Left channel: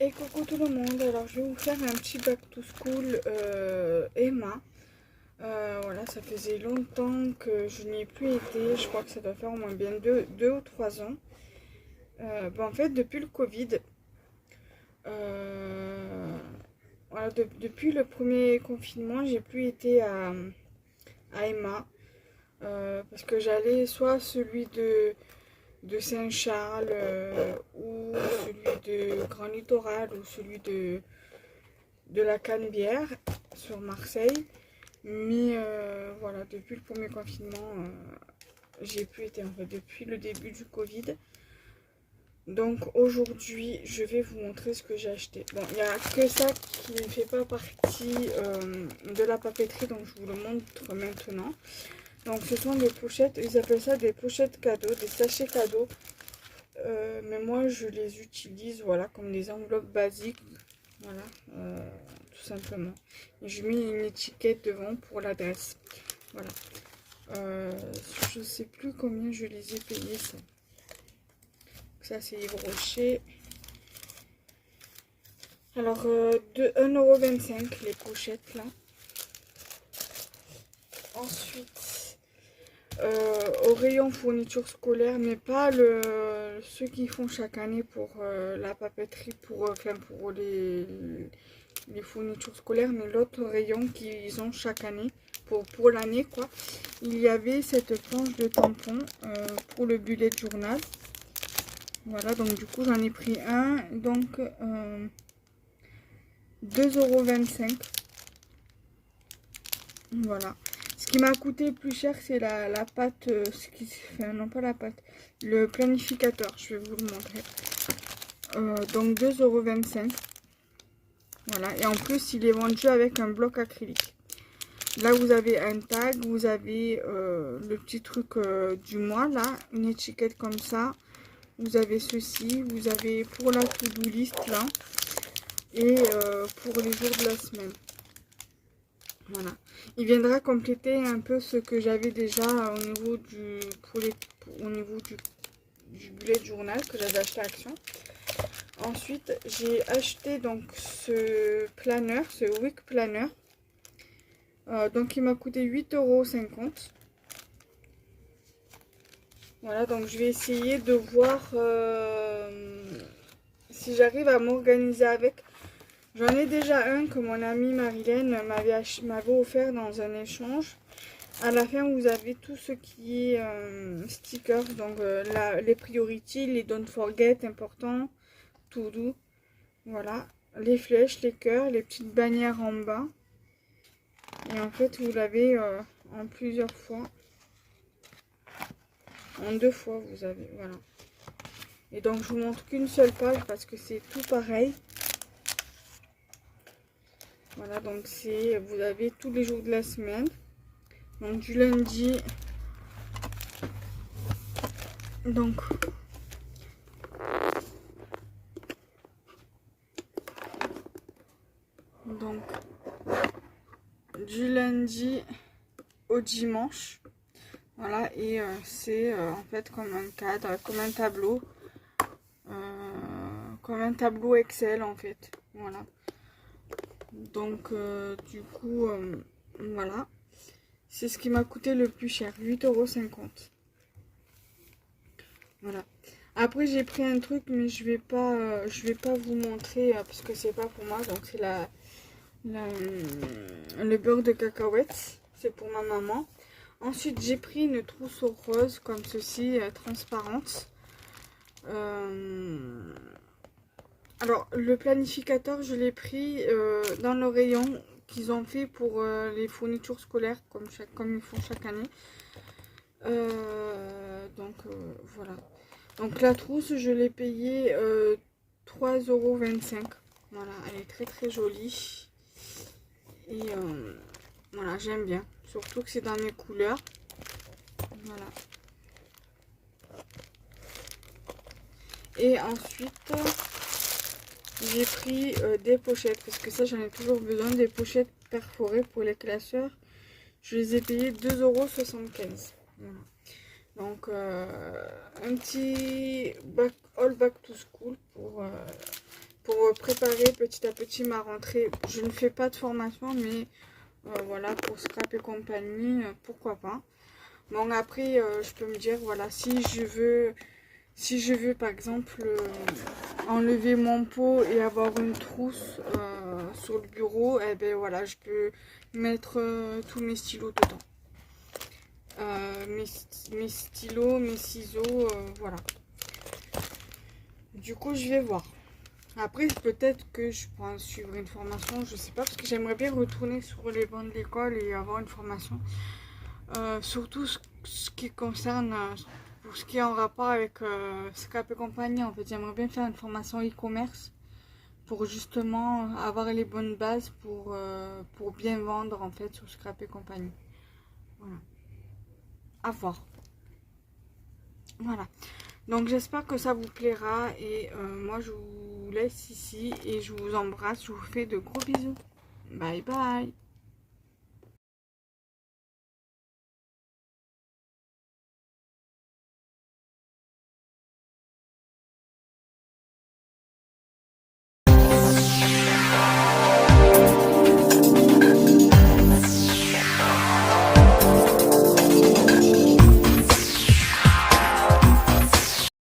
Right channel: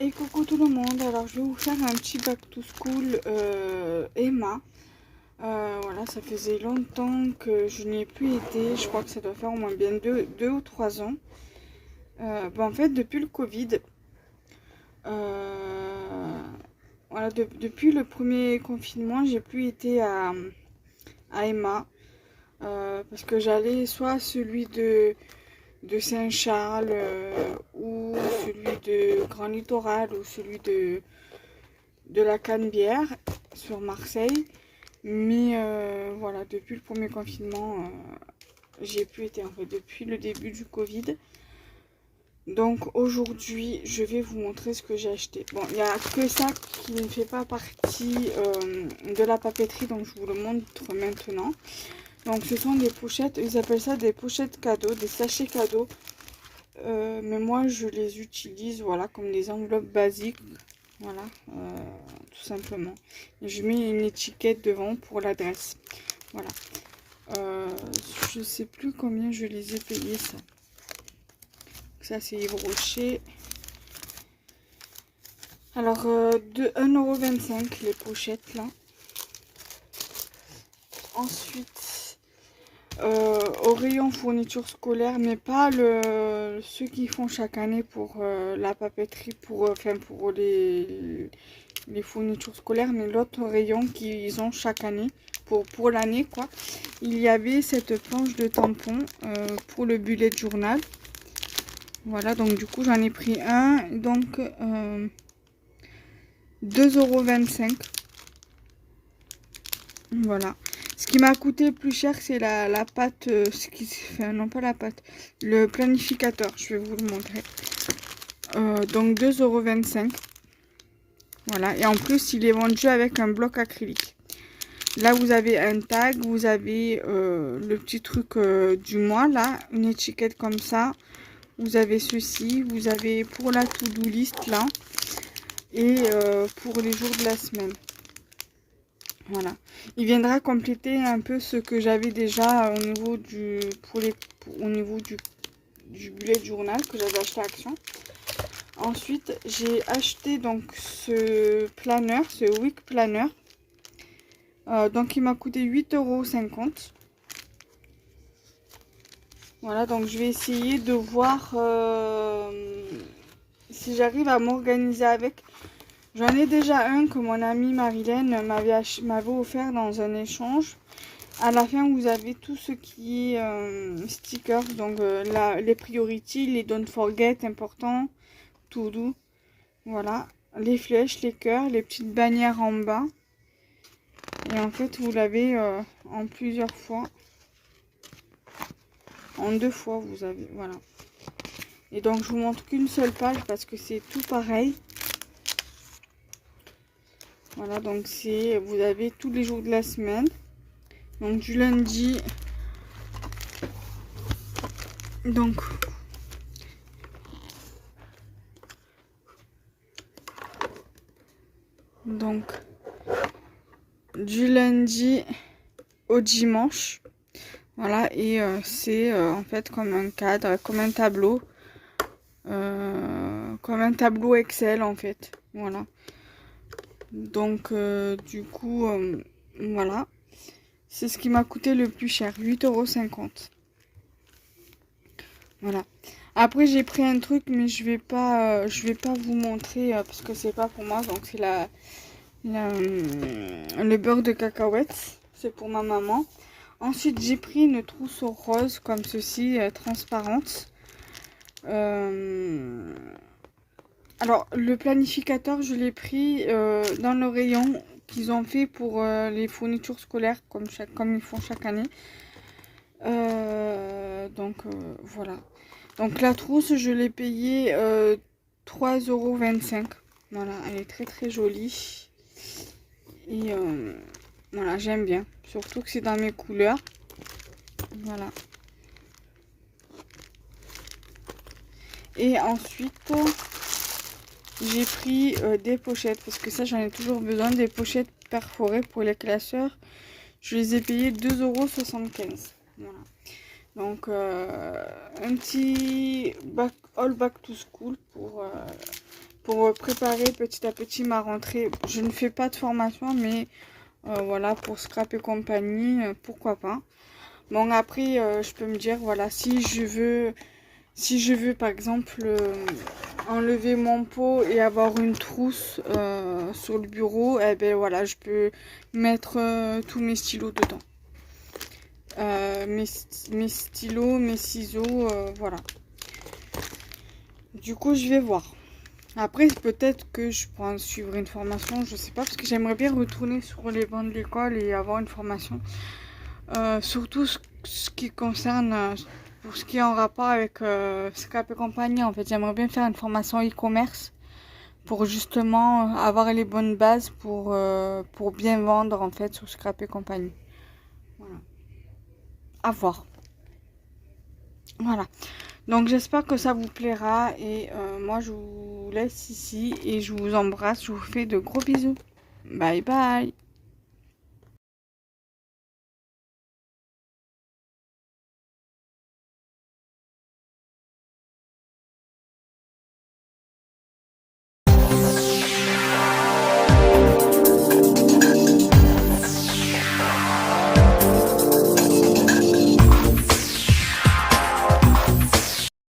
Et coucou tout le monde, alors je vais vous faire un petit back to school Emma. Voilà, ça faisait longtemps que je n'y ai plus été, je crois que ça doit faire au moins bien 2 ou 3 ans. En fait, depuis le Covid, voilà, depuis le premier confinement, j'ai plus été à Emma. Parce que j'allais soit à celui de Saint-Charles ou celui de Grand Littoral ou celui de la Canebière sur Marseille. Mais voilà, depuis le premier confinement, j'ai plus été en fait depuis le début du Covid. Donc aujourd'hui, je vais vous montrer ce que j'ai acheté. Bon, il n'y a que ça qui ne fait pas partie de la papeterie, donc je vous le montre maintenant. Donc ce sont des pochettes, ils appellent ça des pochettes cadeaux, des sachets cadeaux. Mais moi je les utilise voilà comme des enveloppes basiques. Voilà, tout simplement. Et je mets une étiquette devant pour l'adresse. Voilà. Je sais plus combien je les ai payés ça. Ça c'est Yves Rocher. Alors de 1,25 € les pochettes là. Ensuite, au rayon fourniture scolaire, mais pas ceux qui font chaque année pour la papeterie, pour les fournitures scolaires, mais l'autre rayon qu'ils ont chaque année, pour l'année quoi. Il y avait cette planche de tampon pour le bullet journal. Voilà, donc du coup j'en ai pris un, donc 2,25 €. Voilà. Ce qui m'a coûté le plus cher, c'est la pâte, non pas la pâte, le planificateur, je vais vous le montrer. Donc 2,25 €. Voilà, et en plus il est vendu avec un bloc acrylique. Là vous avez un tag, vous avez le petit truc du mois là, une étiquette comme ça. Vous avez ceci, vous avez pour la to-do list là, et pour les jours de la semaine. Voilà, il viendra compléter un peu ce que j'avais déjà au niveau au niveau du bullet journal que j'avais acheté à Action. Ensuite, j'ai acheté donc ce planeur, ce week planner. Donc il m'a coûté 8,50 €. Voilà, donc je vais essayer de voir si j'arrive à m'organiser avec. J'en ai déjà un que mon amie Marilène m'avait offert dans un échange. À la fin, vous avez tout ce qui est stickers, donc les priorities, les don't forget, important, to do. Voilà, les flèches, les cœurs, les petites bannières en bas. Et en fait, vous l'avez en plusieurs fois. En 2 fois, vous avez, voilà. Et donc, je vous montre qu'une seule page parce que c'est tout pareil. Voilà, donc vous avez tous les jours de la semaine. Donc, du lundi. Donc, du lundi au dimanche. Voilà, et c'est en fait comme un cadre, comme un tableau. Comme un tableau Excel en fait. Voilà. Donc du coup, voilà. C'est ce qui m'a coûté le plus cher, 8,50 €. Voilà. Après j'ai pris un truc mais je vais pas vous montrer parce que c'est pas pour moi. Donc c'est le beurre de cacahuètes. C'est pour ma maman. Ensuite j'ai pris une trousse rose comme ceci, transparente. Alors, le planificateur, je l'ai pris dans le rayon qu'ils ont fait pour les fournitures scolaires, comme ils font chaque année. Voilà. Donc, la trousse, je l'ai payée 3,25 €. Voilà, elle est très très jolie. Et voilà, j'aime bien. Surtout que c'est dans mes couleurs. Voilà. Et ensuite... j'ai pris des pochettes parce que ça j'en ai toujours besoin, des pochettes perforées pour les classeurs. Je les ai payées 2,75 €. Voilà. Donc un petit all back to school pour préparer petit à petit ma rentrée. Je ne fais pas de formation, mais voilà, pour scrap et compagnie, pourquoi pas. Bon, après, je peux me dire, voilà, si je veux par exemple enlever mon pot et avoir une trousse sur le bureau, eh ben voilà, je peux mettre tous mes stylos dedans. Mes stylos, mes ciseaux, voilà. Du coup, je vais voir. Après, peut-être que je pourrais suivre une formation, je sais pas, parce que j'aimerais bien retourner sur les bancs de l'école et avoir une formation. Surtout ce qui concerne, pour ce qui est en rapport avec Scrap et compagnie. En fait, j'aimerais bien faire une formation e-commerce pour justement avoir les bonnes bases pour bien vendre en fait sur Scrap et compagnie. Voilà. À voir. Voilà. Donc j'espère que ça vous plaira et moi je vous laisse ici et je vous embrasse, je vous fais de gros bisous. Bye bye.